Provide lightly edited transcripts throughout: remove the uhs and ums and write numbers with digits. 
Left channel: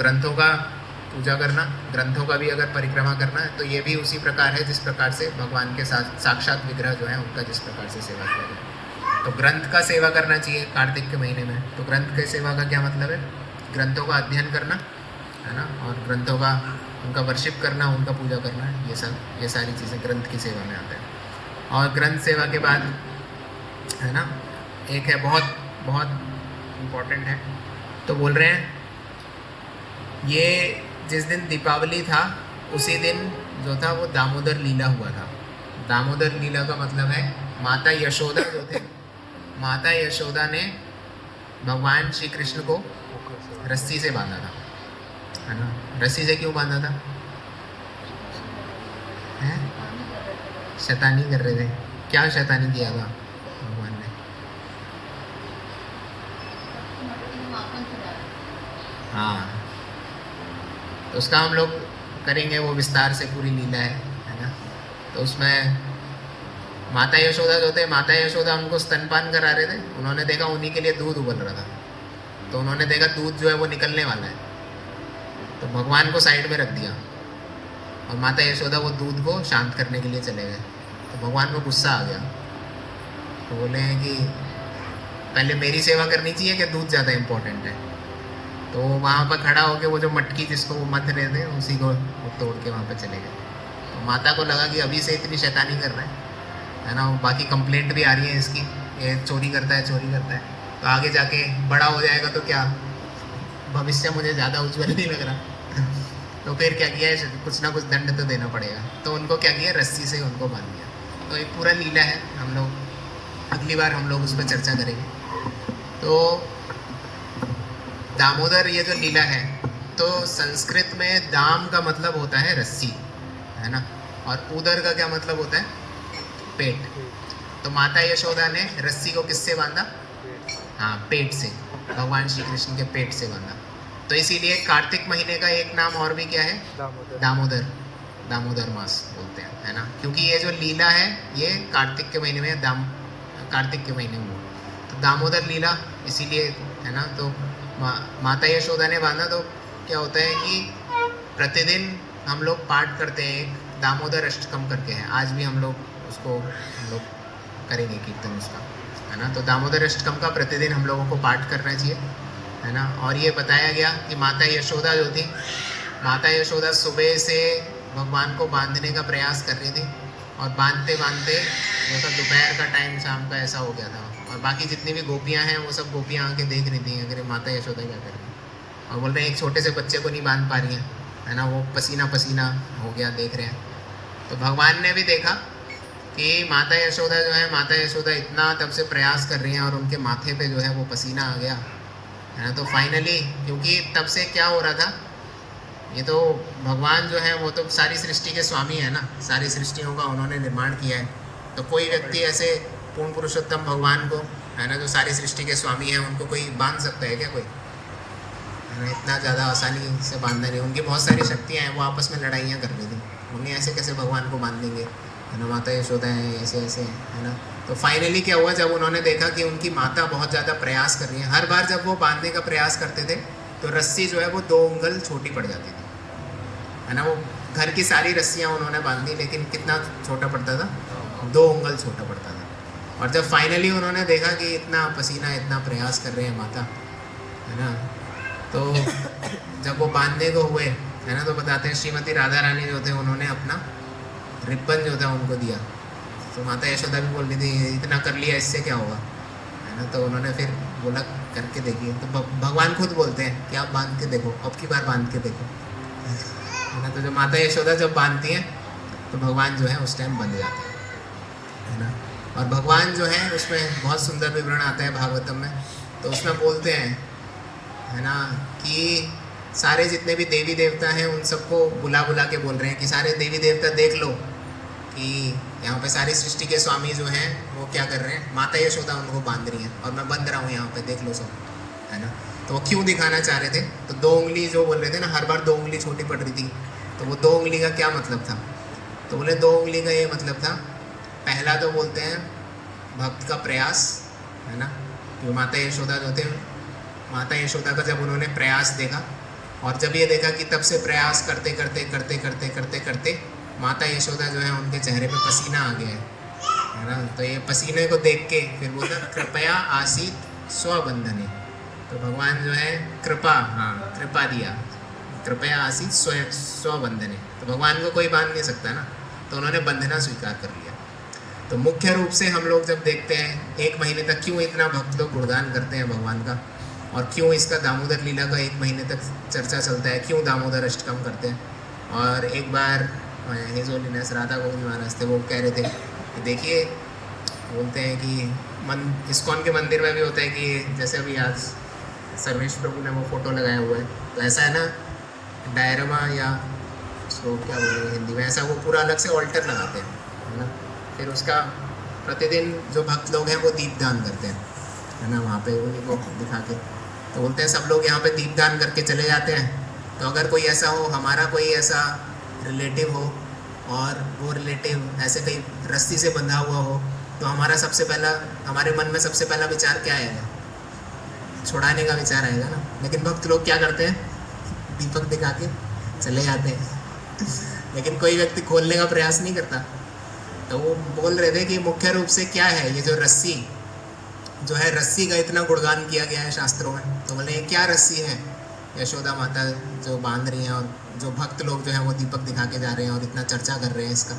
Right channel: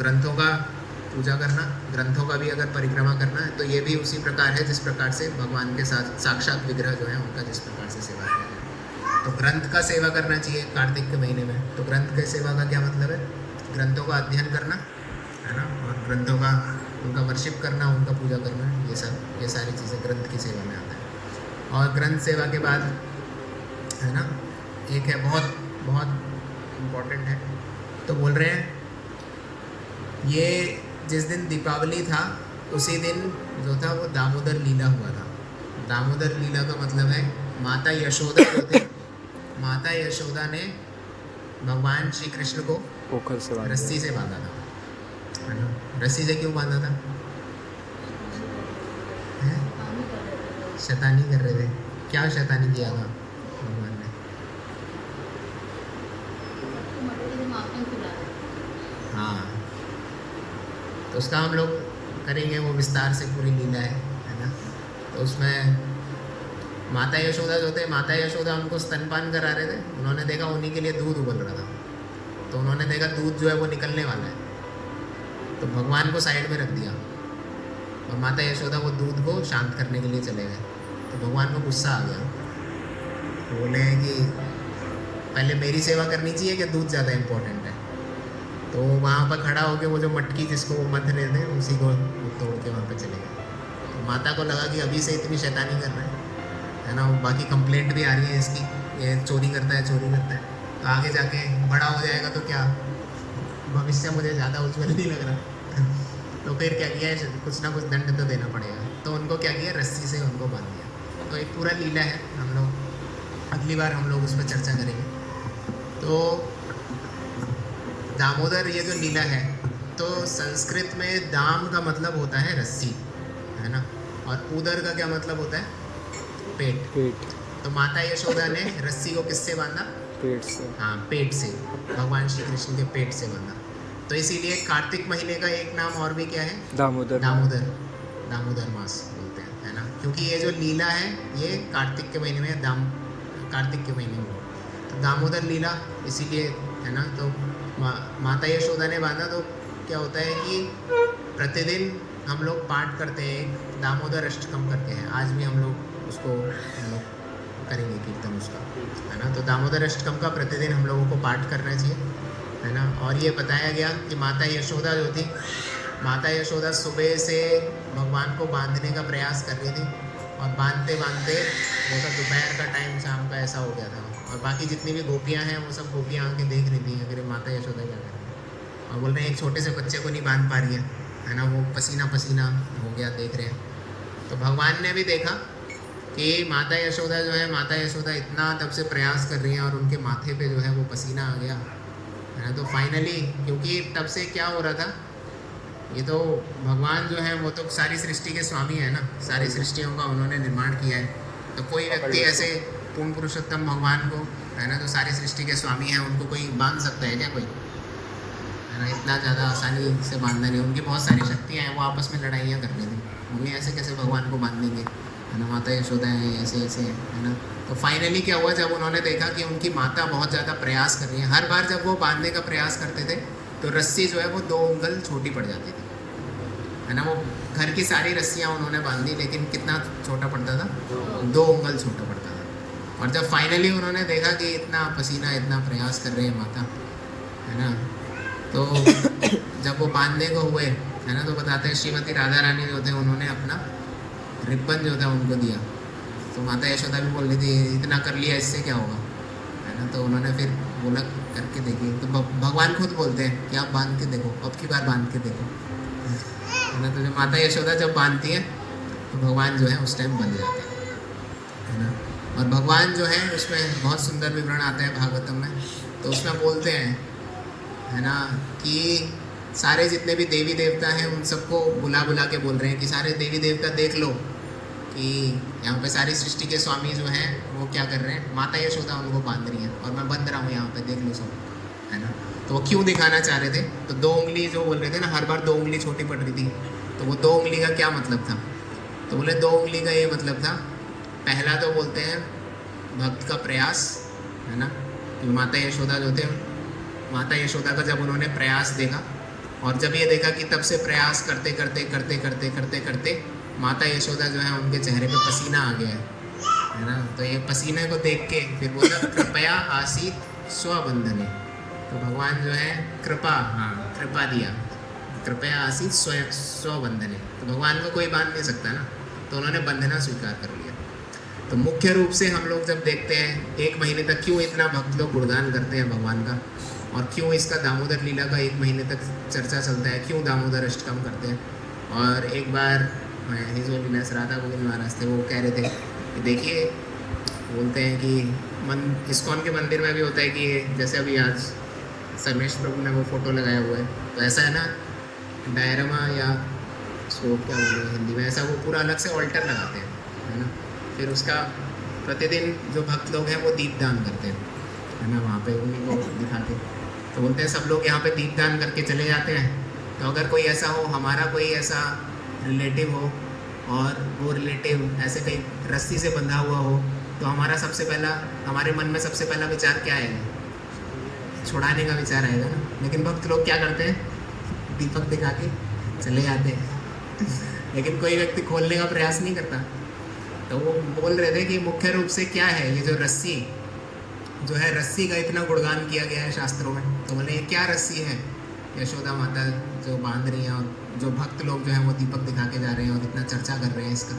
ग्रंथों का पूजा करना, ग्रंथों का भी अगर परिक्रमा करना है तो ये भी उसी प्रकार है जिस प्रकार से भगवान के साथ साक्षात विग्रह जो है उनका जिस प्रकार से सेवा करना है। तो ग्रंथ का सेवा करना चाहिए कार्तिक के महीने में। तो ग्रंथ के सेवा का क्या मतलब है? ग्रंथों का अध्ययन करना है ना, और ग्रंथों का उनका वर्शिप करना, उनका पूजा करना, ये सारी चीज़ें ग्रंथ की सेवा में आता है। और ग्रंथ सेवा के बाद है ना एक है बहुत बहुत इम्पोर्टेंट है, तो बोल रहे हैं ये जिस दिन दीपावली था उसी दिन जो था वो दामोदर लीला हुआ था। दामोदर लीला का मतलब है माता यशोदा जो थी, माता यशोदा ने भगवान श्री कृष्ण को रस्सी से बांधा था, है ना। रस्सी से क्यों बांधा था? हैं? शैतानी कर रहे थे। क्या शैतानी किया था भगवान ने? हाँ, तो उसका हम लोग करेंगे, वो विस्तार से पूरी लीला है ना। तो उसमें माता यशोदा जो थे, माता यशोदा उनको स्तनपान करा रहे थे। उन्होंने देखा उन्हीं के लिए दूध उबल रहा था, तो उन्होंने देखा दूध जो है वो निकलने वाला है, तो भगवान को साइड में रख दिया और माता यशोदा वो दूध को शांत करने के लिए चले गए। तो भगवान को गुस्सा आ गया, तो बोले कि पहले मेरी सेवा करनी चाहिए कि दूध ज़्यादा इम्पोर्टेंट है। तो वहाँ पर खड़ा होकर वो जो मटकी जिसको वो मथ रहे थे उसी को तोड़ के वहाँ पर चले गए। तो माता को लगा कि अभी से इतनी शैतानी कर रहे हैं, है ना, बाकी कंप्लेंट भी आ रही है इसकी, ये चोरी करता है, चोरी करता है, तो आगे जाके बड़ा हो जाएगा तो क्या, भविष्य मुझे ज़्यादा उज्जवल नहीं लग रहा। तो फिर क्या किया, कुछ ना कुछ दंड तो देना पड़ेगा, तो उनको क्या किया, रस्सी से उनको बांध दिया। तो एक पूरा लीला है, हम लोग अगली बार हम लोग उस पर चर्चा करेंगे। तो दामोदर ये जो लीला है, तो संस्कृत में दाम का मतलब होता है रस्सी, है ना, और उदर का क्या मतलब होता है, पेट। तो माता यशोदा ने रस्सी को किससे बांधा? पेट से। हाँ, पेट से, भगवान श्री कृष्ण के पेट से बांधा। तो इसीलिए कार्तिक महीने का एक नाम और भी क्या है? दामोदर। दामोदर, दामोदर मास बोलते हैं, है ना, क्योंकि ये जो लीला है ये कार्तिक के महीने में, कार्तिक के महीने में, तो दामोदर लीला इसीलिए, है ना। तो माता यशोदा ने बांधा। तो क्या होता है कि प्रतिदिन हम लोग पाठ करते हैं, एक दामोदर अष्टकम करके है, आज भी हम लोग उसको हम लोग करेंगे कीर्तन उसका, है ना। तो दामोदर अष्टकम का प्रतिदिन हम लोगों को पाठ करना चाहिए, है ना। और ये बताया गया कि माता यशोदा जो थी, माता यशोदा सुबह से भगवान को बांधने का प्रयास कर रही थी, और बांधते बांधते मतलब दोपहर का टाइम, शाम का ऐसा हो गया था, और बाकी जितनी भी गोपियाँ हैं वो सब गोपियाँ आके देख रही थी अगर माता यशोदा क्या कर रही है, और बोल रहे हैं एक छोटे से बच्चे को नहीं बांध पा रही है ना, वो पसीना पसीना हो गया, देख रहे हैं। तो भगवान ने भी देखा कि माता यशोदा जो है, माता यशोदा इतना तब से प्रयास कर रही हैं और उनके माथे पे जो है वो पसीना आ गया, है ना। तो फाइनली, क्योंकि तब से क्या हो रहा था, ये तो भगवान जो है वो तो सारी सृष्टि के स्वामी है ना, सारी सृष्टियों का उन्होंने निर्माण किया है। तो कोई व्यक्ति ऐसे पूर्ण पुरुषोत्तम भगवान को, है ना, जो सारी सृष्टि के स्वामी हैं, उनको कोई बांध सकता है क्या? कोई, है ना, इतना ज़्यादा आसानी से बांधना नहीं। उनकी बहुत सारी शक्तियाँ हैं, वो आपस में लड़ाइयाँ कर रही थी, उन्हें ऐसे कैसे भगवान को बांध देंगे, है ना, माता यशोदा है ऐसे ऐसे, है ना। तो फाइनली क्या हुआ, जब उन्होंने देखा कि उनकी माता बहुत ज़्यादा प्रयास कर रही है, हर बार जब वो बांधने का प्रयास करते थे तो रस्सी जो है वो 2 उंगल छोटी पड़ जाती थी, है ना। वो घर की सारी रस्सियाँ उन्होंने बांधी, लेकिन कितना छोटा पड़ता था, 2 उंगल छोटा पड़ता था। और जब फाइनली उन्होंने देखा कि इतना पसीना, इतना प्रयास कर रहे हैं माता, है ना, तो जब वो बांधने को हुए, है ना, तो बताते हैं श्रीमती राधा रानी जो थे उन्होंने अपना रिबन जो था उनको दिया। तो माता यशोदा भी बोल रही थी इतना कर लिया, इससे क्या होगा, है ना। तो उन्होंने फिर बोला करके देखिए, तो भगवान खुद बोलते हैं कि आप बांध के देखो, अब की बार बांध के देखो, है ना। तो जो माता यशोदा जब बांधती हैं तो भगवान जो है उस टाइम बंध जाते हैं, है ना। और भगवान जो है उसमें बहुत सुंदर विवरण आता है भागवतम में, तो उसमें बोलते हैं, है ना, कि सारे जितने भी देवी देवता हैं उन सबको बुला बुला के बोल रहे हैं कि सारे देवी देवता देख लो कि यहाँ पे सारी सृष्टि के स्वामी जो हैं वो क्या कर रहे हैं, माता यशोदा उनको बांध रही है और मैं बंध रहा हूँ यहाँ पे, देख लो सब, है ना। तो वो क्यों दिखाना चाह रहे थे, तो 2 उंगली जो बोल रहे थे ना, हर बार 2 उंगली छोटी पड़ रही थी, तो वो 2 उंगली का क्या मतलब था, तो बोले 2 उंगली का ये मतलब था, पहला तो बोलते हैं भक्त का प्रयास, है ना। तो माता यशोदा जो थे, माता यशोदा का जब उन्होंने प्रयास देखा और जब ये देखा कि तब से प्रयास करते करते करते करते करते करते माता यशोदा जो है उनके चेहरे पे पसीना आ गया है ना। तो ये पसीने को देख के फिर बोला कृपया आसीत स्वबंधने। तो भगवान जो है कृपा, हाँ कृपा दिया, कृपया आसीत स्वबंधने। तो भगवान को कोई बांध नहीं सकता ना, तो उन्होंने बंधना स्वीकार कर लिया। तो मुख्य रूप से हम लोग जब देखते हैं 1 महीने तक क्यों इतना भक्त लोग गुणगान करते हैं भगवान का, और क्यों इसका दामोदर लीला का 1 महीने तक चर्चा चलता है, क्यों दामोदर अष्टकम करते हैं। और एक बार हिज होलीनेस राधा गोविंद महाराज थे, वो कह रहे थे कि देखिए, बोलते हैं कि इस्कॉन के मंदिर में भी होता है कि जैसे अभी आज सर्वेश प्रभु ने वो फोटो लगाया हुआ है, तो ऐसा है ना डायरमा या उसको क्या बोले हिंदी में, ऐसा वो पूरा अलग से ऑल्टर लगाते हैं, है ना। फिर उसका प्रतिदिन जो भक्त लोग हैं वो दीपदान करते हैं, है ना, वहाँ पे उन्हीं को दिखा के। तो बोलते हैं सब लोग यहाँ पे दीपदान करके चले जाते हैं। तो अगर कोई ऐसा हो, हमारा कोई ऐसा रिलेटिव हो और वो रिलेटिव ऐसे कहीं रस्सी से बंधा हुआ हो, तो हमारा सबसे पहला, हमारे मन में सबसे पहला विचार क्या आएगा? छुड़ाने का विचार आएगा ना। लेकिन भक्त लोग क्या करते हैं? दीपक दिखा के चले जाते हैं लेकिन कोई व्यक्ति खोलने का प्रयास नहीं करता। तो वो बोल रहे थे कि मुख्य रूप से क्या है ये जो रस्सी जो है, रस्सी का इतना गुणगान किया गया है शास्त्रों में। तो बोले क्या रस्सी है यशोदा माता जो बांध रही हैं, और जो भक्त लोग जो हैं वो दीपक दिखा के जा रहे हैं और इतना चर्चा कर रहे हैं इसका।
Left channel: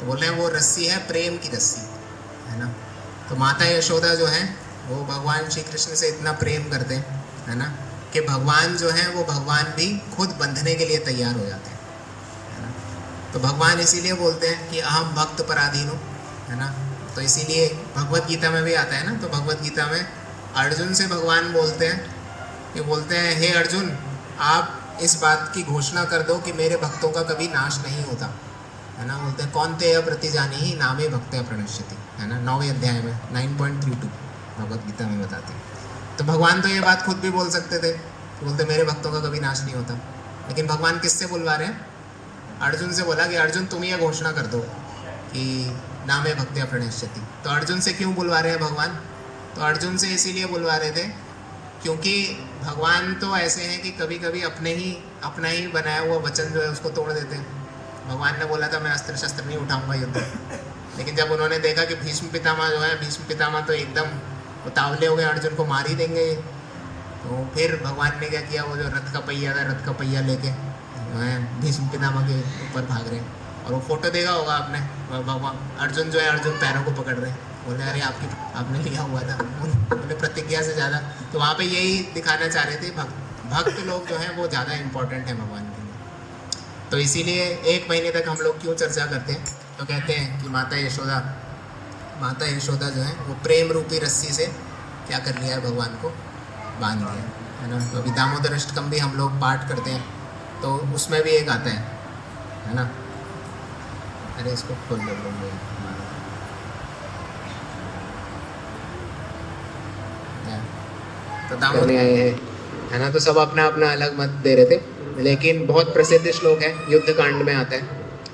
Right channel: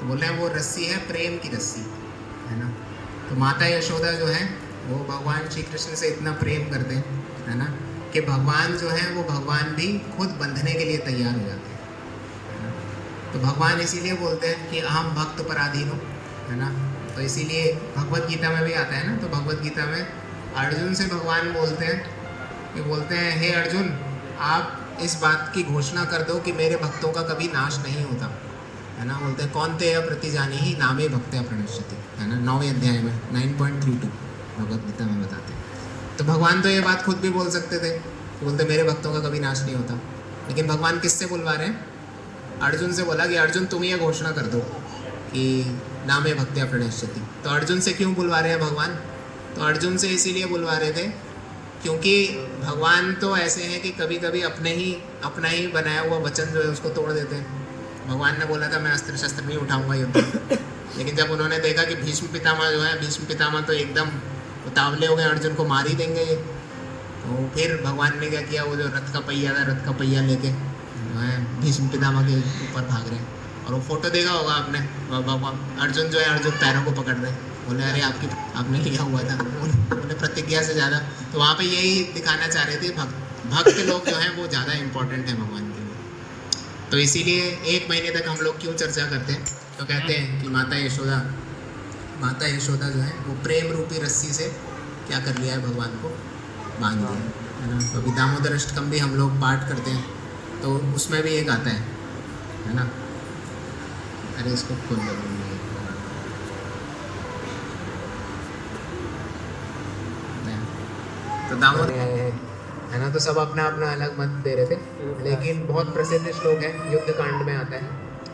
तो बोल रहे हैं वो रस्सी है प्रेम की रस्सी, है ना। तो माता यशोदा जो है वो भगवान श्री कृष्ण से इतना प्रेम करते हैं, है ना, कि भगवान जो है वो भगवान भी खुद बंधने के लिए तैयार हो जाते हैं। तो भगवान इसीलिए बोलते हैं कि अहम भक्त पराधीन हो, है ना। तो इसीलिए भगवत गीता में भी आता है ना। तो भगवत गीता में अर्जुन से भगवान बोलते हैं कि बोलते हैं हे अर्जुन, आप इस बात की घोषणा कर दो कि मेरे भक्तों का कभी नाश नहीं होता, है ना। बोलते हैं कौन ते प्रतिजानी ही नामे भक्त्या प्रणश्यति, है ना, 9वें अध्याय में 9.32 भगवत गीता में बताते हैं। तो भगवान तो ये बात खुद भी बोल सकते थे, बोलते मेरे भक्तों का कभी नाश नहीं होता। लेकिन भगवान किससे बुलवा रहे हैं? अर्जुन से बोला कि अर्जुन तुम ये घोषणा कर दो कि नामे भक्त्या प्रणश्यति। तो अर्जुन से क्यों बुलवा रहे हैं भगवान? तो अर्जुन से इसीलिए बुलवा रहे थे क्योंकि भगवान तो ऐसे हैं कि कभी कभी अपना ही बनाया हुआ वचन जो है उसको तोड़ देते हैं। भगवान ने बोला था मैं अस्त्र शस्त्र नहीं उठाऊंगा युद्ध में, लेकिन जब उन्होंने देखा कि भीष्म पितामह जो है, भीष्म पितामह तो एकदम उतावले हो गए, अर्जुन को मार ही देंगे, तो फिर भगवान ने क्या किया, वो जो रथ का पहिया था, रथ का पहिया लेके भीष्म पितामह के ऊपर भाग रहे हैं। और वो फोटो देखा होगा आपने, भगवान अर्जुन जो है, अर्जुन पैरों को पकड़ रहे हैं, बोले अरे आपने लिया हुआ था, बोले प्रतिज्ञा से ज़्यादा। तो वहाँ पे यही दिखाना चाह रहे थे भक्त लोग जो हैं वो ज़्यादा इम्पोर्टेंट है भगवान के लिए। तो इसीलिए 1 महीने तक हम लोग क्यों चर्चा करते हैं? तो कहते हैं कि माता यशोदा जो है वो प्रेम रूपी रस्सी से क्या कर लिया है, भगवान को बांध दिया। तो अभी दामोदर अष्टकम भी हम लोग पाठ करते हैं, तो उसमें भी एक आता है ना। अरे इसको खोल दो। तो दामोदर आए हैं, है ना। तो सब अपना अपना अलग मत दे रहे थे, लेकिन बहुत प्रसिद्ध श्लोक है, युद्ध कांड में आता है।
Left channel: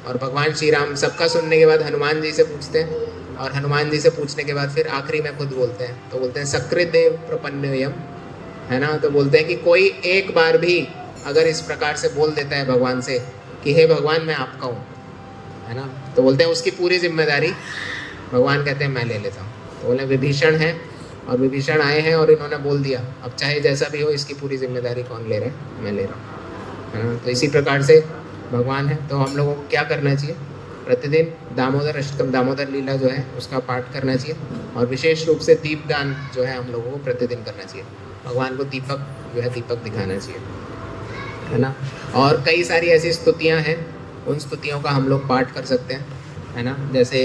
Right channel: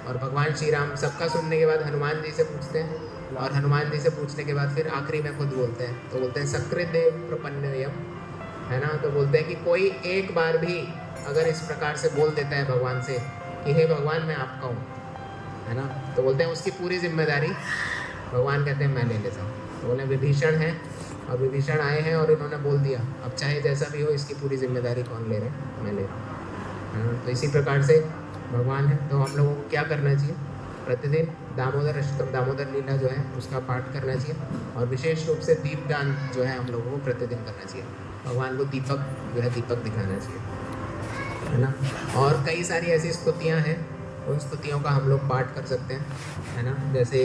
और भगवान श्री राम सबका सुनने के बाद हनुमान जी से पूछते हैं, और हनुमान जी से पूछने के बाद फिर आखिरी में खुद बोलते हैं। तो बोलते हैं सकृत देव प्रपन्नयम, है ना। तो बोलते हैं कि कोई एक बार भी अगर इस प्रकार से बोल देता है भगवान से कि हे भगवान मैं आपका हूँ, है ना, तो बोलते हैं उसकी पूरी जिम्मेदारी भगवान कहते हैं मैं ले लेता हूँ। तो बोले विभीषण है, और विभीषण आए हैं और इन्होंने बोल दिया, अब चाहे जैसा भी हो इसकी पूरी जिम्मेदारी कौन ले रहे हैं? मैं ले रहा हूँ, है ना। तो इसी प्रकार से भगवान है। तो हम लोगों को क्या करना चाहिए? प्रतिदिन दामोदर अष्टकम, दामोदर लीला जो है उसका पाठ करना चाहिए, और विशेष रूप से दीपदान जो है हम लोगों को प्रतिदिन करना चाहिए। भगवान को दीपक जो है दीपक दिखाना चाहिए, है ना। और कई सारी ऐसी स्तुतियाँ हैं, उन स्तुतियों का हम लोग पाठ कर सकते हैं, है ना। जैसे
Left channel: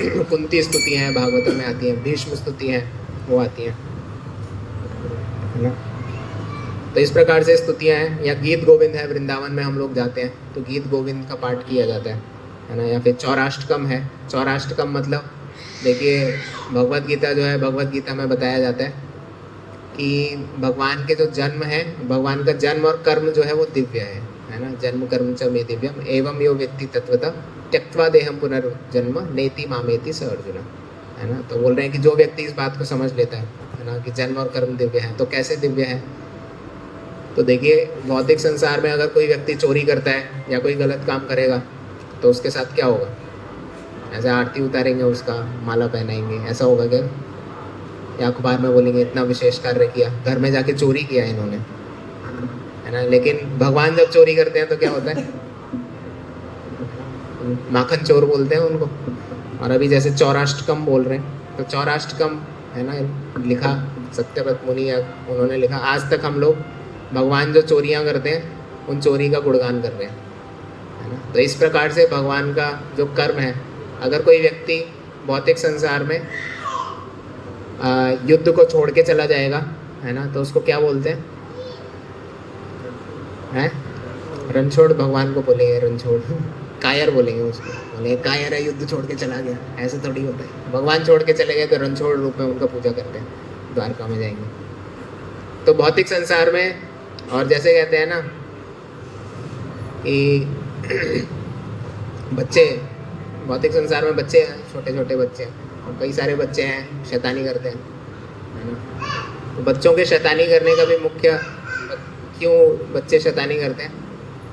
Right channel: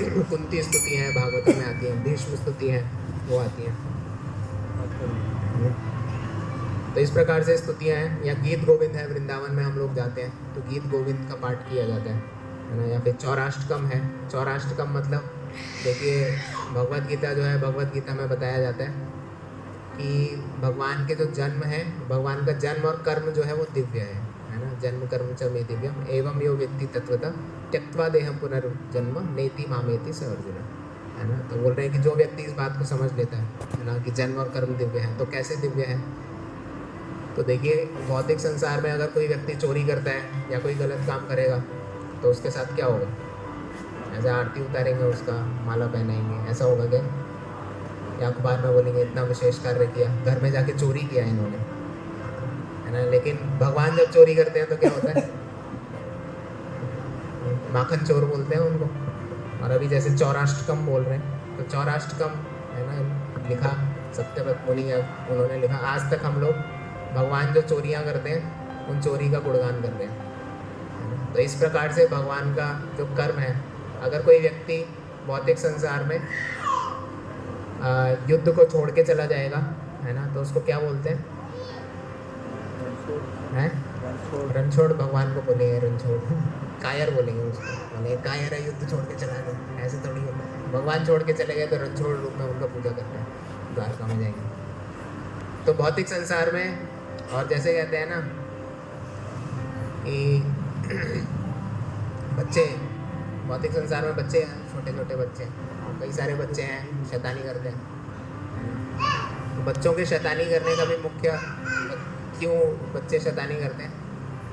कुंती स्तुतियाँ हैं, भागवतम में आती हैं, भीष्म स्तुति हैं, वो आती हैं, है ना। तो इस प्रकार से स्तुतियाँ हैं। या गीत गोविंद है, वृंदावन में हम लोग जाते हैं तो गीत गोविंद का पाठ किया जाता है ना। या फिर चौराष्टकम है। चौराष्टकम मतलब देखिए, भगवत गीता जो है, भगवत गीता में बताया जाता है कि भगवान के जो जन्म है, भगवान का जन्म और कर्म जो है वो दिव्य है ना। जन्म कर्म च मे दिव्यम एवं यो व्यक्ति तत्वतः त्यक्त्वा देहम पुनर्जन्म नेति मामेति स अर्जुन, है ना। तो बोल रहे हैं कि जो व्यक्ति इस बात को समझ लेता है ना, कि जन्म और कर्म दिव्य है, तो कैसे दिव्य है? तो देखिए भौतिक संसार में अगर कोई व्यक्ति चोरी करता है या कोई गलत काम करेगा तो उसके साथ क्या होगा? ऐसे आरती उतारेंगे, उसका माला पहनाएंगे, ऐसा होगा क्या? या अखबार में बोलेंगे इतना विशेष कार्य किया, घर में जाके चोरी किया इन्होंने, है ना। लेकिन भगवान जब चोरी करते हैं तो क्या होता है? माखन चोर बोलते हैं उनको। और अभी जैसे चौराष्टकम बोल रहे हैं, तो चौराष्टकम है ना लिखा, सत्यव्रत मुनि उन्होंने लिखा, आज तक हम लोग भगवान जो चोरियां करते हैं उन चोरी का गुणगान कर रहे हैं, है ना। तो इस प्रकार से भगवान का जो कर्म है, अगर कोई व्यक्ति भौतिक संसार में युद्ध को छोड़ के चला जाएगा, है ना, तो उसको क्या बोलते हैं? रणछोड़ भगवान को बोलेंगे, रणछोड़। कायर बोलेंगे उसको, बोलेंगे कायर है, युद्ध छोड़ के चला गया। ऐसे थोड़ी होता है, भगवान छोड़ के चले गए तो रणछोड़ रूप में उनका पूजा करते हैं, द्वारका में जाएंगे। तो भौतिक संसार में, और जैसे कहते हैं ना कि बच्चे, भौतिक संसार में बच्चे हैं, छोटे छोटे बच्चे, कई सारे बच्चे हैं शैतानी करते हैं। तो बच्चों के शैतानी करने का भी मुख्य, क्यों बच्चे शैतानी करते हैं?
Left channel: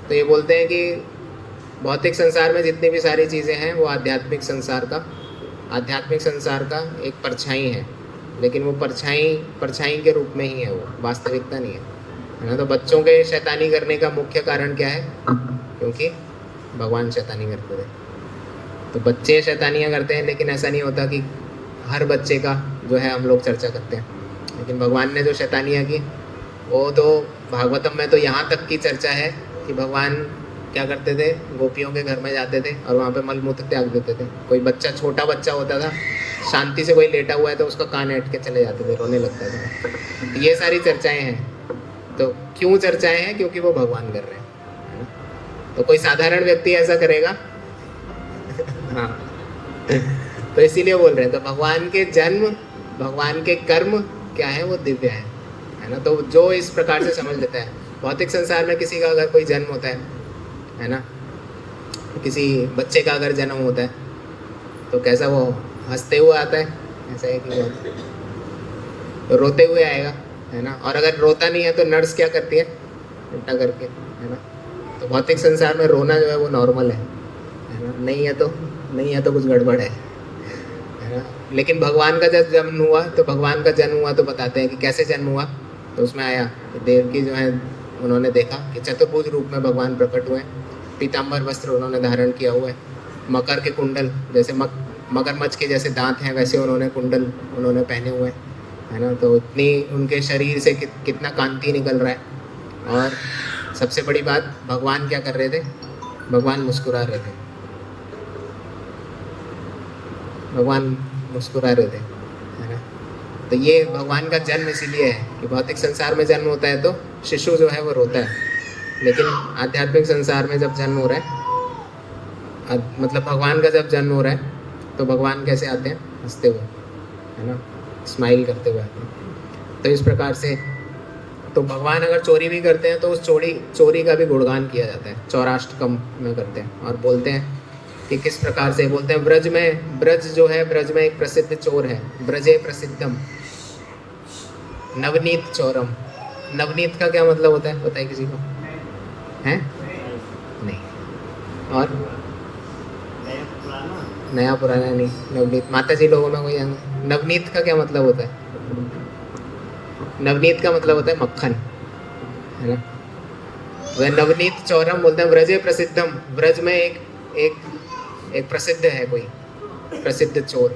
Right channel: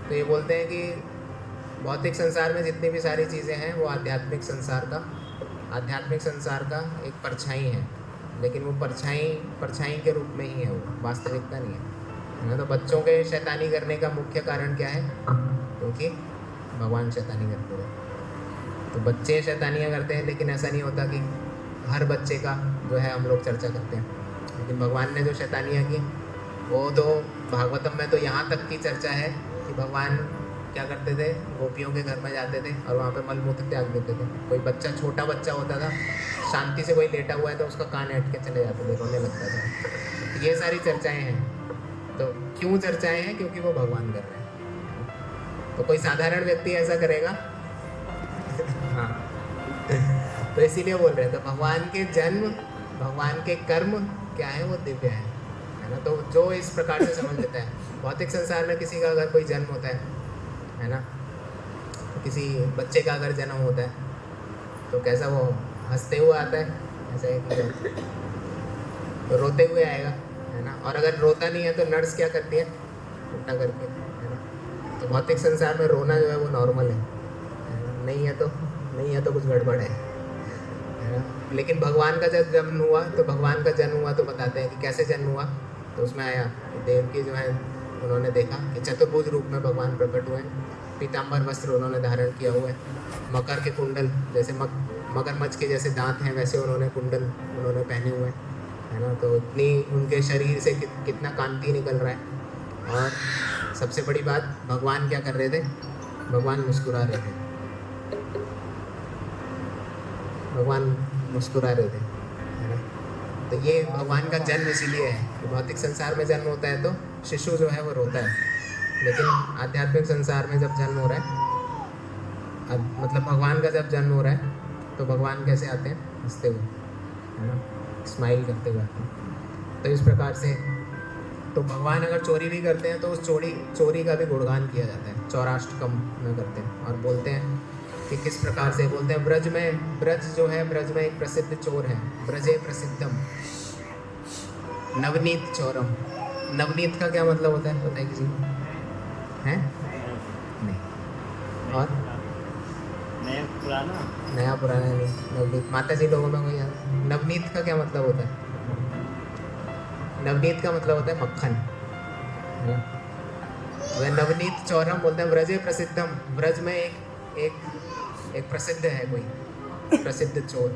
तो ये बोलते हैं कि भौतिक संसार में जितनी भी सारी चीज़ें हैं वो आध्यात्मिक संसार का एक परछाई है, लेकिन वो परछाई के रूप में ही है, वो वास्तविकता नहीं है ना। तो बच्चों के शैतानी करने का मुख्य कारण क्या है? क्योंकि भगवान शैतानी करते थे, तो बच्चे शैतानियाँ करते हैं। लेकिन ऐसा नहीं होता कि हर बच्चे का जो है हम लोग चर्चा करते हैं, लेकिन भगवान ने जो शैतानियाँ की वो तो भागवतम में तो यहाँ तक की चर्चा है कि भगवान क्या करते थे, गोपियों के घर में जाते थे और वहाँ पे मलमूत्र त्याग देते थे। कोई बच्चा, छोटा बच्चा होता था, शांति से कोई लेटा हुआ है तो उसका कान ऐंठ के चले जाते थे, रोने लगता था। ये सारी चर्चाएं हैं। तो क्यों चर्चाएं हैं? क्योंकि वो भगवान कर रहे हैं। तो कोई साधारण व्यक्ति ऐसा करेगा? हाँ। तो इसीलिए बोल रहे हैं, तो भगवान के जन्म, भगवान के कर्म क्या है, वो दिव्य है ना। तो जो इस प्रकार से समझ लेता है, भौतिक संसार में किसी का अगर कोई जन्म होता है ना, किसी बच्चे का अगर जन्म होता है तो कैसा वो हंसते हुए आता है? ऐसा है कि तो रोते हुए आएगा, है ना। और अगर रोता नहीं है तो नर्स क्या करती है? उल्टा करके, है ना। तो भौतिक संसार में रोना जो है वो नॉर्मल है ना। नहीं है तो कुछ गड़बड़ है ना। लेकिन भगवान का जब जन्म हुआ, तो भगवान का जन्म हुआ तो बताते हैं कि कैसे जन्म हुआ। तो उसमें आया देवकी जो है, उन्होंने देखा कि चतुर्भुज रूप में भगवान प्रकट हुए, पीताम्बर वस्त्र उन्होंने धारण किया हुआ है, मकर के कुंडल, जैसे मगरमच्छ के जैसे दांत हैं वैसे उन्होंने कुंडल उन्होंने पहने हुए हैं, है ना। तो इतनी उनके शरीर से कितना कांति निकल रहा है। और सबसे बड़ी बात, भगवान क्या कर रहे थे? भगवान मुस्कुरा रहे थे, भगवान मुस्कुरा रहे थे, है ना। तो ये भगवान का जन्म इसीलिए है कि भौतिक संसार में जन्म होता है तो शिशु जो है वो रोता है, लेकिन आध्यात्मिक संसार में जब जन्म हो रहा है, मतलब भगवान का जब जन्म हो रहा है, तो भगवान कैसे आते हैं? हंसते हुए, है ना, स्माइल करते हुए आते हैं। तो इस प्रकार से, तो भगवान अगर चोरी भी करते हैं तो उस चोरी का भी गुणगान किया जाता है, चौराष्टकम में करते हैं। और बोलते हैं कि किस प्रकार से, बोलते हैं ब्रज जो है, ब्रज में एक प्रसिद्ध चोर है, ब्रजे प्रसिद्धम नवनीत चोरम। नवनीत का क्या मतलब होता है, बताइए किसी को? है नहीं। और नया पुराना नहीं, नवनीत। माता जी लोगों में कोई नवनीत का क्या मतलब होता है? नवनीत का मतलब होता है मक्खन, है ना। वह नवनीत चौरम बोलते हैं, ब्रजे प्रसिद्धम, ब्रज में एक प्रसिद्ध है, कोई प्रसिद्ध चोर,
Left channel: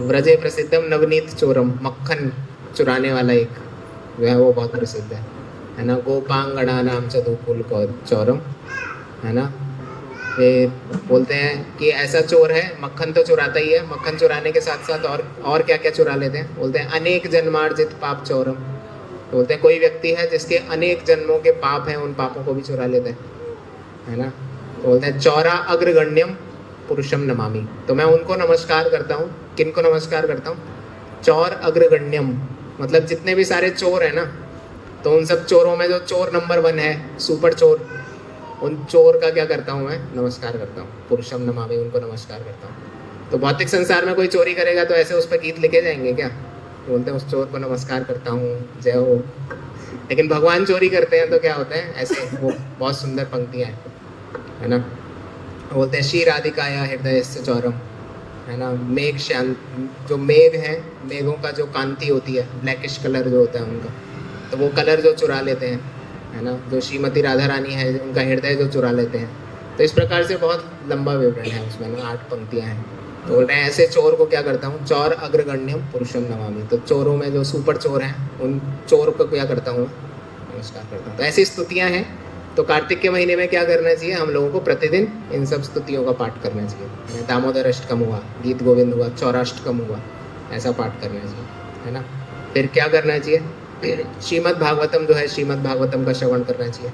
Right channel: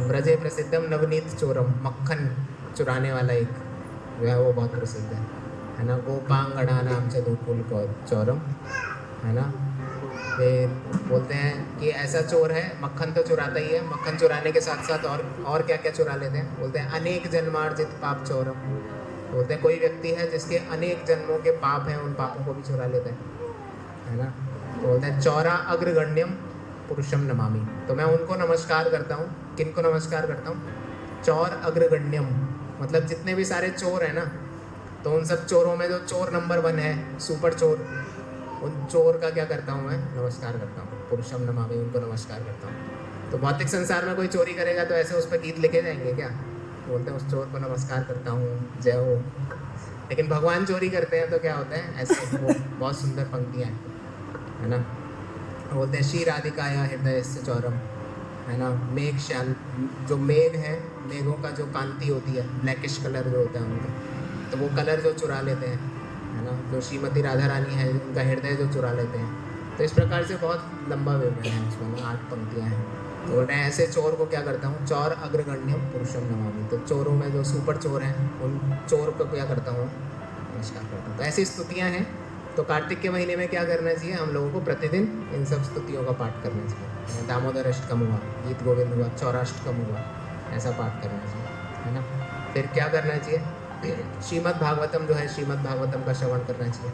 ब्रजे प्रसिद्धम नवनीत चोरम, मक्खन चुराने वाला एक, वह वो बहुत प्रसिद्ध है ना। गोपांगड़ा नाम चतुकुल चौरम, है ना। ये बोलते हैं कि ऐसा चोर है, मक्खन तो चुराता ही है, मक्खन चुराने के साथ साथ और क्या क्या चुरा लेते हैं? बोलते हैं अनेक जन्मार्जित पाप चौरम। बोलते हैं कोई व्यक्ति है जिसके अनेक जन्मों के पाप हैं, उन पापों को भी चुरा लेते हैं, है ना। बोलते हैं चौरा अग्रगण्यम पुरुषम नमामि। तो मैं उनको नमस्कार करता हूँ, किनको नमस्कार करता हूँ? चौर अग्रगण्यम, मतलब जितने भी सारे चोर हैं ना, तो उन सब चोरों में जो चोर नंबर 1 है, सुपर चोर, उन चोर का क्या करता हूँ मैं? नमस्कार करता हूँ, पुरुषम नमामि, उनको नमस्कार करता हूँ। तो भौतिक संसार में कोई चोरी करेगा तो ऐसे उस पर गीत लिखे जाएंगे क्या? बोलते हैं उस चोर को नमस्कार करता हूँ, जय हो, लेकिन भगवान चोरी करते हैं तो क्या होता है, ऐसे वो बहुत सुंदर पंक्तियाँ हैं, है ना। बोलते हैं श्री राधिकाया हृदय से चौरम, है ना। मेघ शांत, जो मेघ है, मेघों का जो कांति होती है, ब्लैकिश कलर जो होता है उनका, तो वो कलर जो चुरा लेते हैं, है ना। जो श्रीमती राधा रानी है, उनका हृदय जो चुरा लेते हैं। तो इस प्रकार से बहुत लंबा विवरण है उसमें ना, 8 पंक्तियाँ हैं। तो बोल रहे हैं ऐसे चोर को क्या करता हूँ, चौर अग्रगण्यम पुरुषम नमामि। तो चोरों में जो सुपर चोर हैं, उन चोर को क्या करता हूँ, नमस्कार करता हूँ। तो ऐसी स्तुतियाँ हैं। तो कार्तिक के महीने में क्या करना चाहिए, हम लोगों को प्रतिदिन इन सब स्तुतियों का पाठ करना चाहिए। दामोदर अष्टकम हुआ, गीत गोविंद हुआ, चौराष्टकम हुआ, ऐसा पाठ करना चाहिए, है ना। फिर क्या करना चाहिए, श्रीमद् भागवतम जो है, श्रीमद् भागवतम का श्रवण करना चाहिए,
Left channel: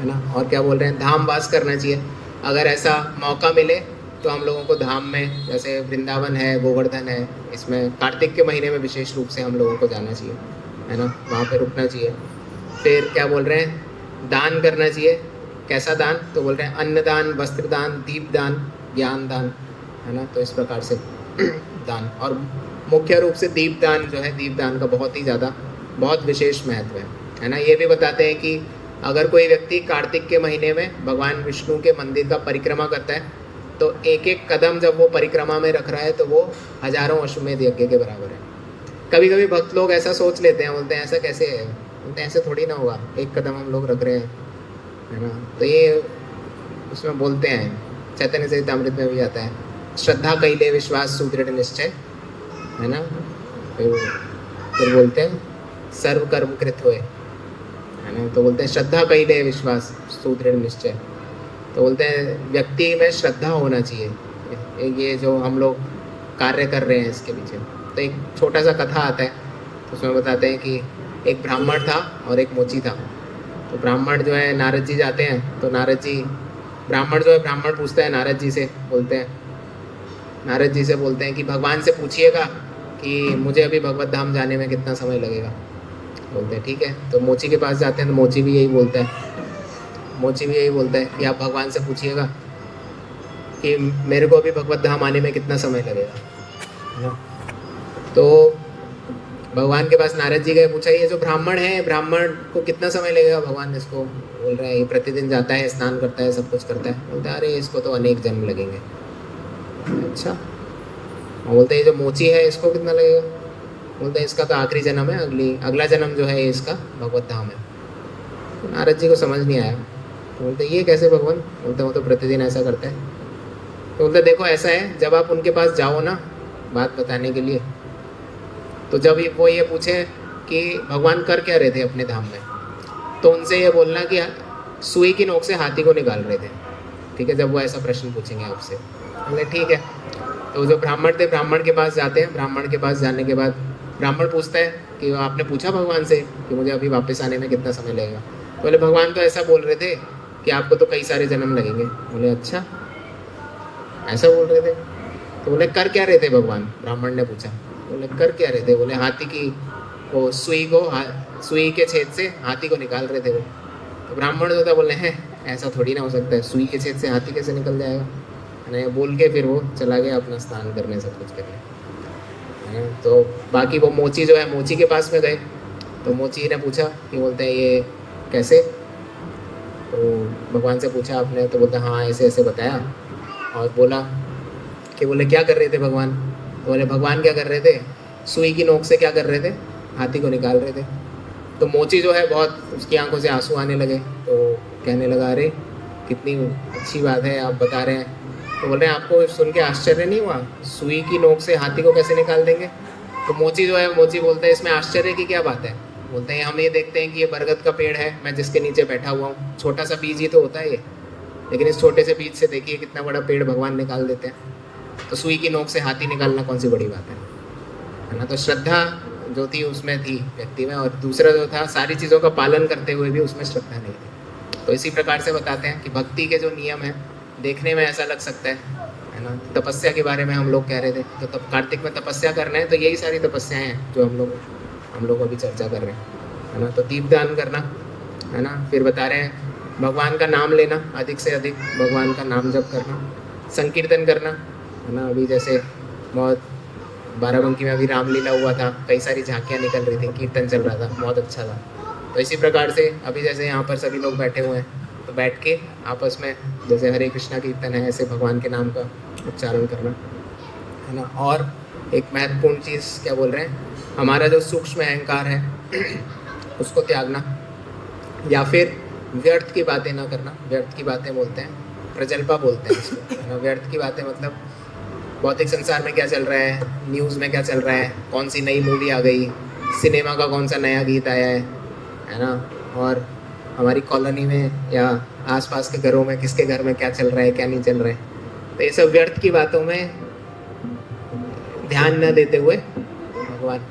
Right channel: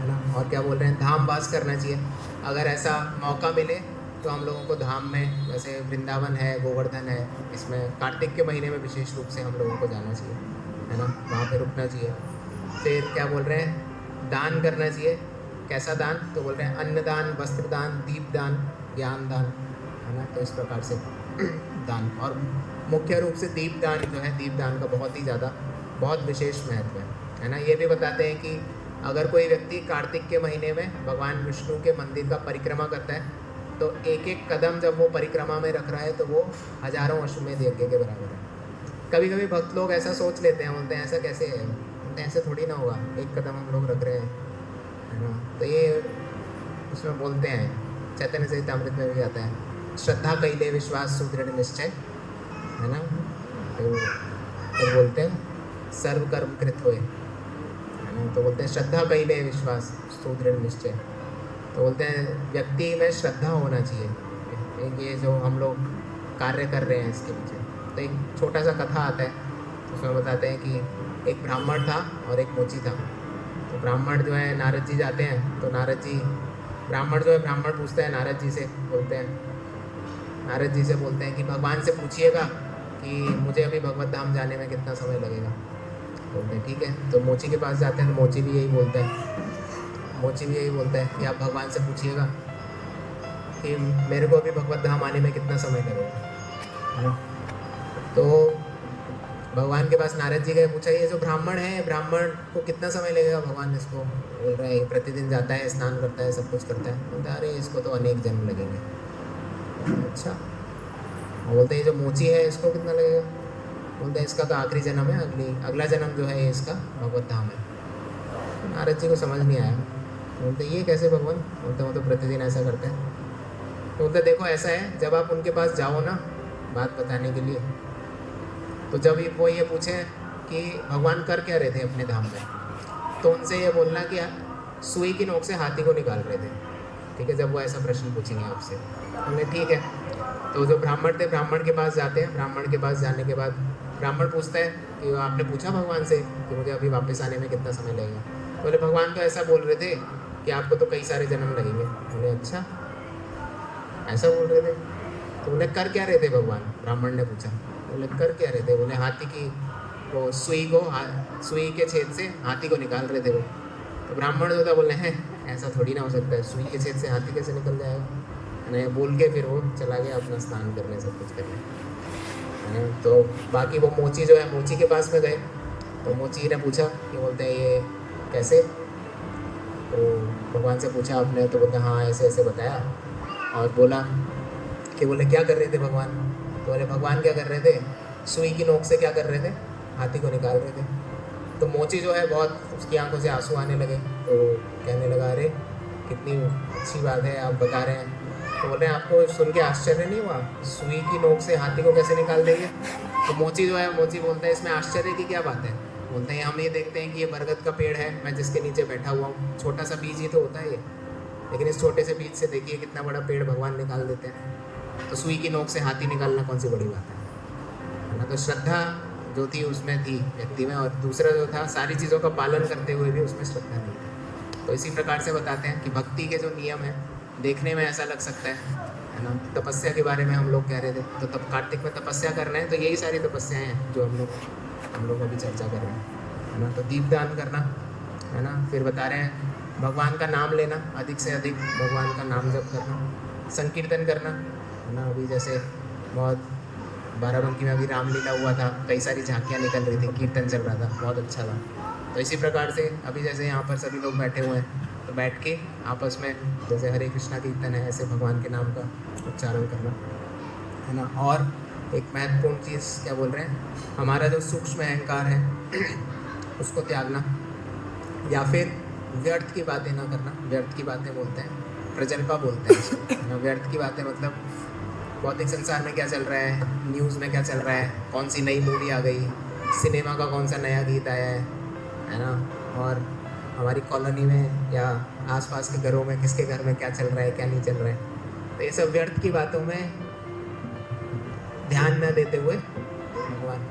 है ना। और क्या बोल रहे हैं, धाम वास करना चाहिए। अगर ऐसा मौका मिले तो हम लोगों को धाम में, जैसे वृंदावन है, गोवर्धन है, इसमें कार्तिक के महीने में विशेष रूप से हम लोगों को जाना चाहिए, है ना, वहाँ पे रुकना चाहिए। फिर क्या बोल रहे हैं, दान करना चाहिए। कैसा दान, तो बोल रहे हैं अन्नदान, वस्त्रदान, दीपदान, ज्ञान दान, है ना। तो इस प्रकार से दान, और मुख्य रूप से दीपदान जो है, दीपदान का बहुत ही ज़्यादा, बहुत विशेष महत्व है ना। ये भी बताते हैं कि अगर कोई व्यक्ति कार्तिक के महीने में भगवान विष्णु के मंदिर का परिक्रमा करता है, तो एक एक कदम जब वो परिक्रमा में रख रहा है, तो वो हजारों अश्वमेध यज्ञ के बराबर है। कभी कभी भक्त लोग ऐसा सोच लेते हैं, बोलते हैं ऐसा कैसे है, बोलते हैं ऐसे थोड़ी ना होगा, एक कदम हम लोग रख रहे हैं, है ना। तो ये उसमें बोलते हैं, चैतन्य चरितामृत में भी आता है, श्रद्धा कैले विश्वास सुदृढ़ निश्चय, है ना। फिर बोलते हैं सर्व कर्म कृत हुए, है ना। तो बोलते हैं श्रद्धा कैले विश्वास सुदृढ़ निश्चय। तो बोलते हैं व्यक्ति में श्रद्धा होना चाहिए, ये जो हम लोग कार्य कर रहे हैं इसके पीछे। तो एक छोटा सा कथा आता है, तो उसमें बताते हैं कि एक ब्राह्मण था और एक मोची था। तो ब्राह्मण जो है, नारद जी जाते हैं, तो नारद जी, ब्राह्मण जो है, ब्राह्मण पूछता है नारद जी से, बोलते हैं नारद जी से बोलते हैं कि भगवान से पूछिएगा कि मुझे अभी भगवत धाम जाने में कितना समय लगेगा। बोलते हैं ठीक है। तो मोची के पास जाते हैं, तो मोची भी यही बोलता है, मोची भी यही बोलता है कि आप भगवान से पूछिएगा कि मेरे को अभी भगवत धाम आने में कितना समय लगेगा। तो भगवान के पास नारद जी गए, पूछा ये जो ब्राह्मण है, ब्राह्मण को कितना समय लगेगा। भगवान इसको बोल रहे हैं ये प्रतिदिन जाता है, स्नान करता है, सब कुछ करता है। बोलते हैं अरे इसको तो अनेक जन्म लगेंगे। अच्छा। बोलते हैं ये जो मोची है, इसको कितना लगेगा। बोलते हैं इसका तो आखिरी जन्म है, अगला जन्म जो है इसका भगवत धाम है। नारद जी को समझ नहीं आया। बोलते ये कैसे भगवान, बोलते वो तो प्रतिदिन ऐसा करते हैं। तो बोलते देखो ऐसा है, जब आप उनके पास जाओ ना बात बताने के लिए, तो जब वो ये पूछे कि भगवान कर क्या रहे थे अपने धाम में, तो उनसे ये बोलना कि सुई की नोक से हाथी को निकाल रहे थे। ठीक है, जब वो ऐसा प्रश्न पूछेंगे आपसे, बोले ठीक है। तो जो ब्राह्मण थे, ब्राह्मण के पास जाते हैं। ब्राह्मण के पास जाने के बाद ब्राह्मण पूछता है कि आपने पूछा भगवान से कि मुझे अभी वापस आने में कितना समय लगेगा। बोले भगवान तो ऐसा बोल रहे थे कि आपको तो कई सारे जन्म लगेंगे। बोले अच्छा, ऐसा बोल रहे थे। तो बोले कर क्या रहे थे भगवान, ब्राह्मण ने पूछा। बोले कर क्या रहे थे, बोले हाथी की वो सुई के छेद से हाथी को निकाल रहे थे वो। तो ब्राह्मण जो था बोले हैं ऐसा थोड़ी ना हो सकता है, सुई के छेद से हाथी कैसे निकल जाएगा। नहीं बोल के फिर वो चला गया अपना स्नान करने, सब कुछ करने। तो बाकी वो मोची जो है, मोची के पास में गए। तो मोची ने पूछा कि बोलते हैं ये कैसे, तो भगवान से पूछा आपने। तो बोलता हाँ ऐसे ऐसे बताया, और बोला कि बोले क्या कर रहे थे भगवान। तो बोले भगवान क्या कर रहे थे, सुई की नोक से क्या कर रहे थे, हाथी को निकाल रहे थे। तो मोची जो है बहुत, उसकी आंखों से आंसू आने लगे। तो कहने लगा अरे कितनी अच्छी बात है आप बता रहे हैं। तो बोल रहे हैं आपको सुन के आश्चर्य नहीं हुआ, सुई की नोक से हाथी को कैसे निकाल देंगे। तो मोची जो है, मोची बोलते हैं इसमें आश्चर्य की क्या बात है। बोलते हैं हम ये देखते हैं कि ये बरगद का पेड़ है, मैं जिसके नीचे बैठा हुआ हूँ, छोटा सा बीज ही तो होता है ये, लेकिन इस छोटे से बीज से देखिए कितना बड़ा पेड़ भगवान निकाल देते हैं। तो सुई की नोक से हाथी निकालना कौन सी बड़ी बात है ना। तो श्रद्धा जो थी उसमें थी व्यक्ति में, और दूसरा जो था सारी चीज़ों का पालन करते हुए भी उसमें श्रद्धा नहीं थी। तो इसी प्रकार से बताते हैं कि भक्ति के जो नियम है, देखने में ऐसा लग सकता है ना। तपस्या के बारे में हम लोग कह रहे थे, तो तब कार्तिक में तपस्या करना है, तो यही सारी तपस्याएं हैं जो हम लोग अभी चर्चा कर रहे हैं, है ना। तो दीपदान करना, है ना। फिर बता रहे हैं भगवान का नाम लेना, अधिक से अधिक भगवान का नाम जप करना, संकीर्तन करना, है ना। अभी जैसे बहुत बाराबंकी में अभी रामलीला हुआ था, कई सारी झांकियाँ निकल रही थी, कीर्तन चल रहा था, बहुत अच्छा था। तो इसी प्रकार से अभी जैसे यहाँ पर सभी लोग बैठे हुए हैं, तो बैठ के आपस में जैसे हरे कृष्णा कीर्तन है, ऐसे भगवान के नाम का उच्चारण करना है ना। और एक महत्वपूर्ण चीज़ क्या बोल रहे हैं, हमारा जो सूक्ष्म अहंकार है उसको त्यागना, या फिर व्यर्थ की बातें ना करना। व्यर्थ की बातें बोलते हैं, प्रजल्पा बोलते हैं इसको। व्यर्थ की बातें मतलब भौतिक संसार में क्या चल रहा है, न्यूज़ में क्या चल रहा है, कौन सी नई मूवी आ गई, सिनेमा का कौन सा नया गीत आया है ना, और हमारी कॉलोनी में या आसपास के घरों में किसके घर में क्या चल रहा है, क्या नहीं चल रहा है। तो ये सब व्यर्थ की बातों में ध्यान न देते हुए भगवान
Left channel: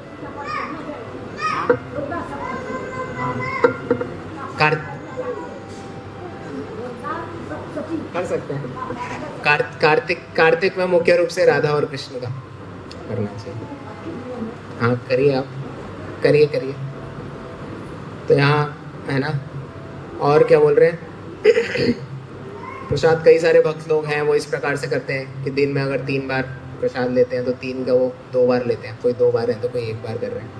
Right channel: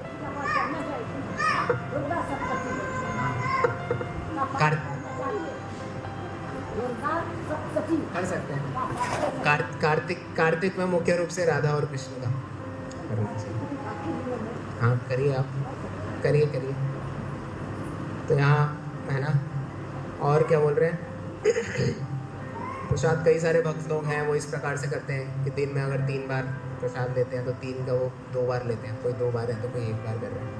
कर सकते हैं। कार्तिक में मुख्य रूप से राधा और कृष्ण का करना चाहिए। हाँ करिए, आप करिए। तो यहाँ है ना, और क्या बोल रहे हैं प्रसाद कई सारे भक्त लोग हैं वो इस प्रकार से करते हैं कि दिन में अगर 3 बार प्रसाद लेते हैं तो 3 का वो 2 बार लेते हैं, कोई 2 बार है तो कोई 1 बार कर रहे हैं,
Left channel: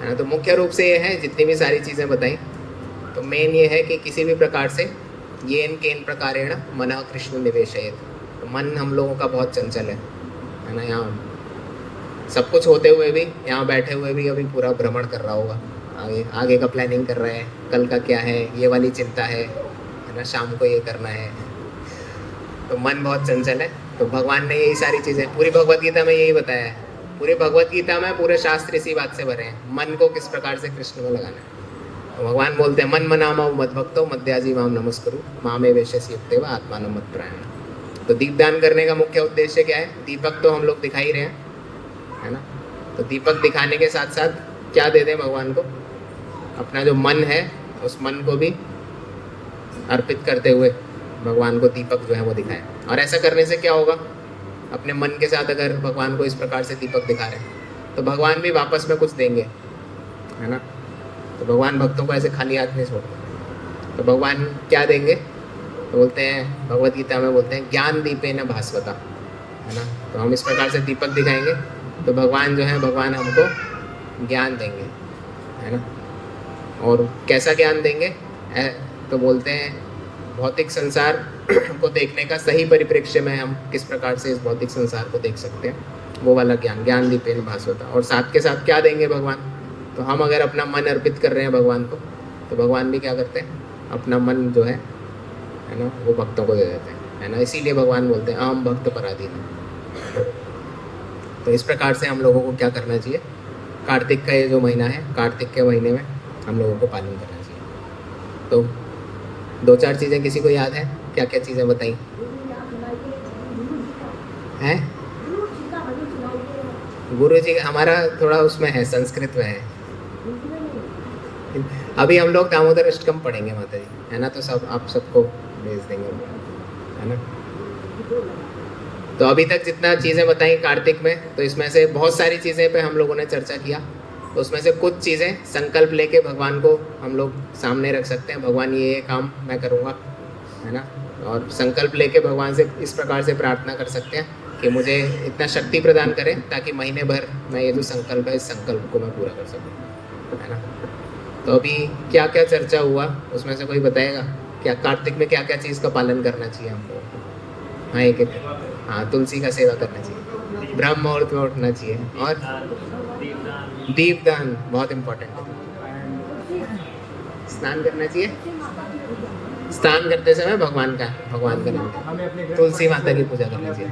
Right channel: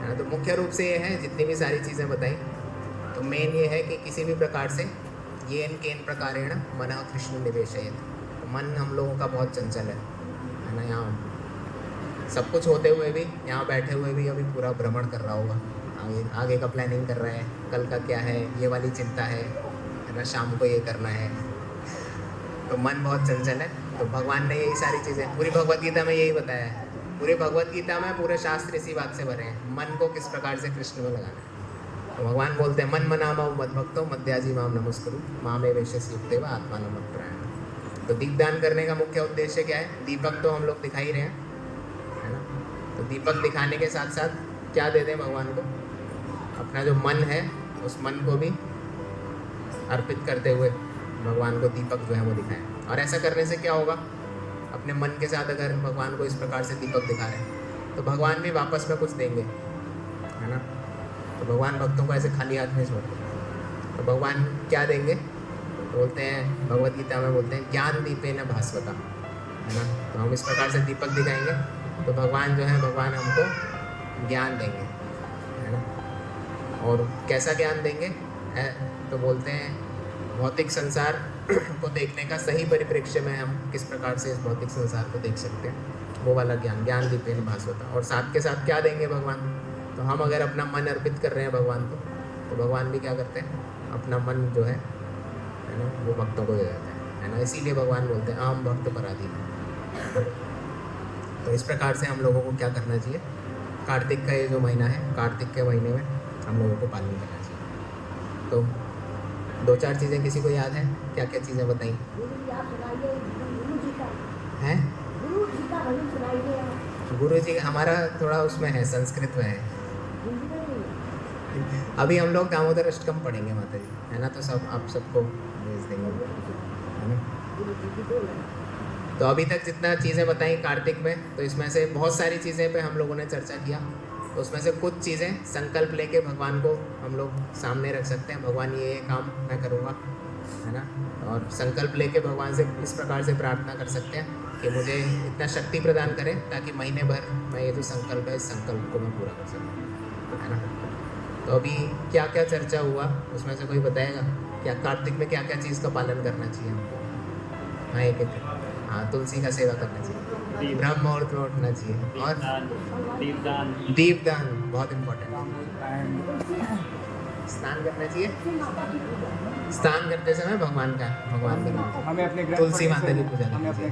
है ना। तो मुख्य रूप से ये है, जितनी भी सारी चीज़ें बताई, तो मेन ये है कि किसी भी प्रकार से ये केन प्रकारेण मन कृष्ण निवेशयेत। मन हम लोगों का बहुत चंचल है ना। यहाँ सब कुछ होते हुए भी, यहाँ बैठे हुए भी अभी पूरा भ्रमण कर रहा होगा, आगे का प्लानिंग कर रहे हैं, कल का क्या है ये वाली चिंता है ना, शाम को ये करना है। तो मन बहुत चंचल है। तो भगवान ने यही सारी चीज़ें पूरी भगवत गीता में यही बताया है। पूरी भगवत गीता में पूरे शास्त्र इसी बात से भरे हैं, मन को किस प्रकार से कृष्ण में लगाना है। भगवान बोलते हैं मन मनामा मद भक्तो मध्याजी माम नमस्कुरु मामे वेशस युक्तेव आत्मानं मत प्रयाण। तो दीपदान करने का मुख्य उद्देश्य क्या है, दीपक तो हम लोग दिखा ही रहे हैं, है ना। तो दीपक दिखाने के साथ साथ क्या दे दें भगवान को, अपना जो मन है उस मन को भी अर्पित करते हुए भगवान को दीपक जो है वो दिखाएं। और ऐसा करने से क्या होगा, अपने मन के साथ अगर भगवान को इस प्रकार से दीपक दिखा रहे हैं तो भगवान भी वापस में कुछ देंगे, है ना। तो भगवान भक्तों को ऐसे खाली हाथ नहीं छोड़ते। तो भगवान क्या देंगे, बोलते हैं भगवत गीता में बोलते हैं ज्ञान दीपेन भास्वता, है ना। तो हम इस प्रकार से दीपक दिखाएंगे तो भगवान जो है, भगवान हमको ज्ञान देंगे, है ना। और कैसा ज्ञान देंगे तो बोलते हैं भौतिक संसार को देखने का सही परिप्रेक्ष्य में हम किस प्रकार से इस भौतिक संसार को देख सकते हैं, वो वाला ज्ञान, ज्ञान दीपेन भास्वता। और साथ के साथ क्या देंगे भगवान, तो हम अगर अपना मन अर्पित कर रहे हैं भगवान को, तो भगवान भी क्या करते हैं, अपना मन जो है ना, वो भक्तों को दे देते हैं, है ना। इसीलिए भगवान बोलते हैं अहम भक्त पराधीन। तो इस प्रकार से हम लोगों को क्या करना चाहिए, कार्तिक का ये जो महीना है, कार्तिक के महीने में हम लोगों को पालन करना चाहिए। तो 2-4 चीज़ें किसी को याद है, क्या क्या चीज़ें बताई हैं। गुरु जी हमारा थोड़ा उसमें है, संस्कृत में है। अभी हम लोग दामोदर अष्टकम पढ़ेंगे माता जी, है ना। तो सब आप सबको भेज देंगे, है ना। तो अभी तक जितना चीज़ें बताई कार्तिक में, तो इसमें से बहुत सारी चीज़ें पे हम लोगों ने चर्चा किया। तो उसमें से कुछ चीज़ें संकल्प लेके भगवान को हम लोग सामने रख सकते हैं, भगवान ये काम मैं करूँगा, है ना। और संकल्प लेके भगवान से इस प्रकार से प्रार्थना कर सकते हैं कि मुझे इतना शक्ति प्रदान करें ताकि महीने भर मैं ये जो संकल्प है, इस संकल्प को मैं पूरा कर सकूँ, है ना। तो अभी क्या क्या चर्चा हुआ उसमें से कोई बताएगा, क्या कार्तिक में क्या क्या चीज़ का पालन करना चाहिए हम लोग। हाँ एक हाँ, तुलसी का सेवा करना चाहिए, ब्रह्म मुहूर्त में उठना चाहिए, और दीपदान बहुत इम्पोर्टेंट है। स्नान करना चाहिए, स्नान करते समय भगवान का हमें अपने तुलसी माता की पूजा करनी चाहिए,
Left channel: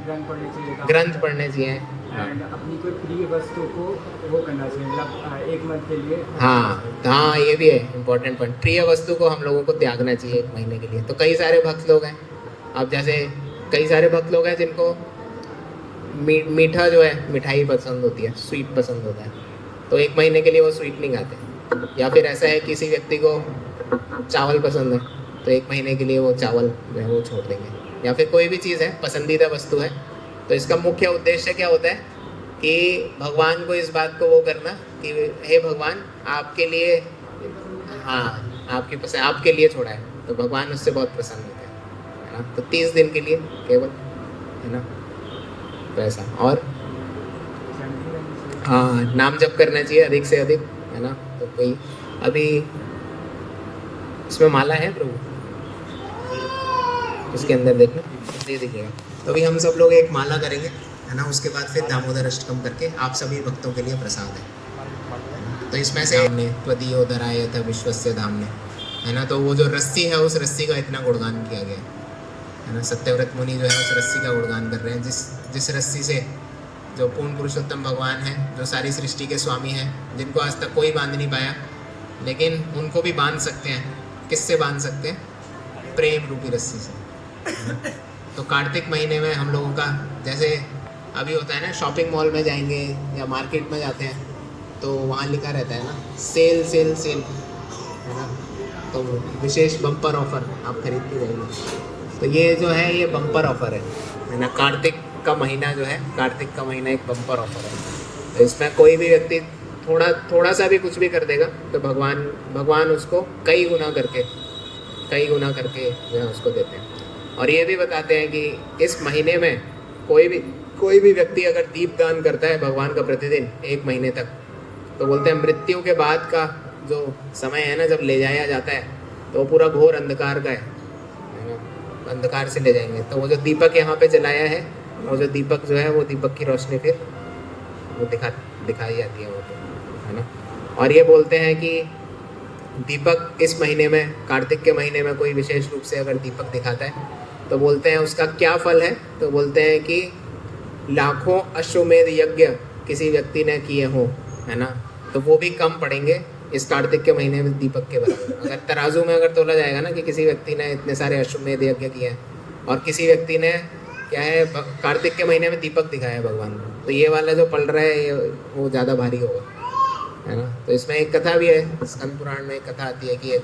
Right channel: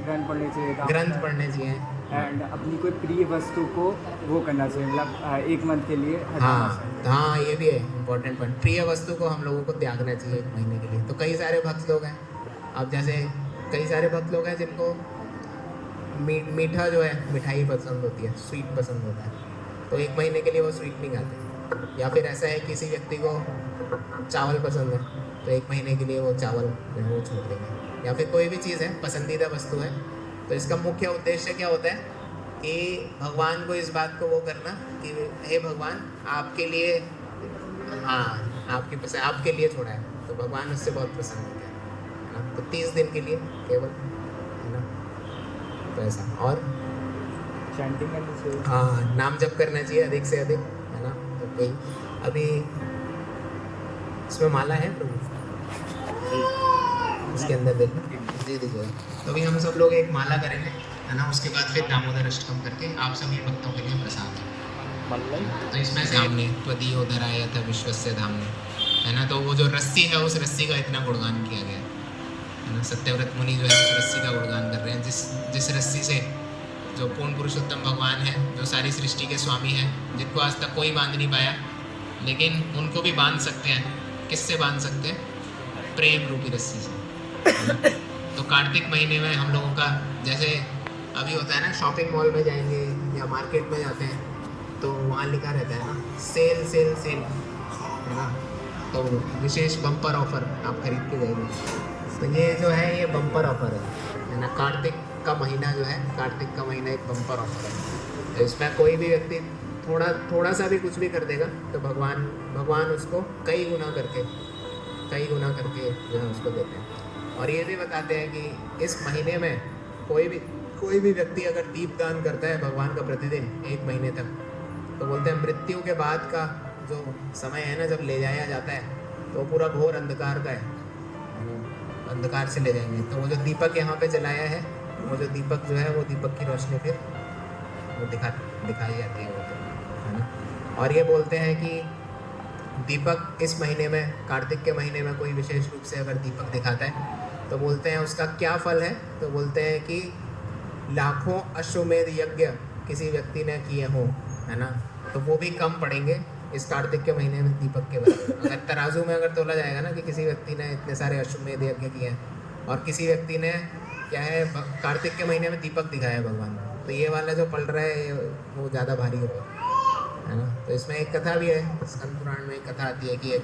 ग्रंथ पढ़ने चाहिए, एंड अपनी कोई प्रिय वस्तु को वो करना चाहिए, मतलब 1 मंथ के लिए। हाँ ये भी है इम्पोर्टेंट पॉइंट, प्रिय वस्तु को हम लोगों को त्यागना चाहिए 1 महीने के लिए। तो कई सारे भक्त लोग हैं, अब जैसे कई सारे भक्त लोग हैं जिनको मीठा जो है, मिठाई पसंद होती है, स्वीट पसंद होता है, तो 1 महीने के लिए वो स्वीट नहीं खाते। या फिर ऐसा है किसी व्यक्ति को चावल पसंद है, तो 1 महीने के लिए वो चावल जो है वो छोड़ देंगे। या फिर कोई भी चीज़ है, पसंदीदा वस्तु है, तो इसका मुख्य उद्देश्य क्या होता है कि भगवान को इस बात को वो करना कि हे भगवान आपके लिए, हाँ आपके लिए छोड़ा है, तो भगवान उससे बहुत प्रसन्न होते हैं, है ना। तो 30 दिन के लिए केवल, है ना। तो ऐसा, और हाँ नाम जप करना चाहिए अधिक से अधिक, है ना। तो कोई अभी इसमें माला है प्रभु, इसके अंदर देखना, ये देखिएगा। तो अभी हम सब लोग एक माला करेंगे, है ना, उसके बाद फिर दामोदर अष्टकम करके आप सभी भक्तों के लिए प्रसाद है। तो इसमें से धामने त्वदीयो दराय था विश्वस्य धामने, है ना, तो वो जो रस्सी है उस रस्सी का इतना गुणगान किया गया है ना। सत्यव्रत मुनि जो है उस रस्सी का गुणगान कर रहे हैं, जिस रस्सी से जो पूर्ण पुरुषोत्तम भगवान है, जो सारी सृष्टि के स्वामी हैं, जिनको आज तक कोई बांध नहीं पाया, लेकिन उनको भी बांध सकते हैं। किससे बांध सकते हैं? प्रेम रूपी रस्सी से, है ना। तो कार्तिक महीने में हम लोगों का जैसे अभी होता है ना, शॉपिंग मॉल में जाएंगे या मार्केट में जाते हैं तो वहाँ लिखा रहता है ना, सेल सेल सेल, है ना, तो विशेष बम्पर ऑफर आप खरीद के जाइए। तो ये जो है ये बम्पर ऑफर है ना। कार्तिक का महीना जो है, कार्तिक का महीना एक बम्पर ऑफर है। तो इसमें कोई भी व्यक्ति थोड़ा सा भी कुछ भी कर देगा तो भगवान उसको कई गुना करके जो है उसको देते हैं। और ये भी बताते हैं कि इस महीने में कोई भी व्यक्ति अगर दीपदान करता है भगवान का प्रतिदिन 1 महीने तक, तो बोलते हैं मृत्यु के बाद का जो समय है ना, जब ले जाया जाता है तो वो पूरा घोर अंधकार का है ना, अंधकार से ले जाएंगे। तो वो जो दीपक यहाँ पे जलाया है, वो जो दीपक जो है वो दीपक की रोशनी फिर वो दिखाई जाती है वो, है ना। और ये बोलते हैं कि दीपक इस महीने में, कार्तिक के महीने में कोई विशेष रूप से अगर दीपक दिखाता है तो बोलते हैं उसका क्या फल है। तो बोलते हैं कि लाखों अश्वमेध यज्ञ किसी व्यक्ति ने किए हों, है ना, तो वो भी कम पड़ेंगे इस कार्तिक के महीने में दीपक के बराबर। अगर तराजू में अगर तोला जाएगा ना कि किसी व्यक्ति ने इतने सारे अश्वमेध यज्ञ किए हैं और किसी व्यक्ति ने क्या है कार्तिक के महीने में दीपक दिखाया है भगवान को, तो ये वाला जो पल रहा है वो ज़्यादा भारी होगा, है ना। तो इसमें एक कथा भी है, स्कंद पुराण में एक कथा आती है कि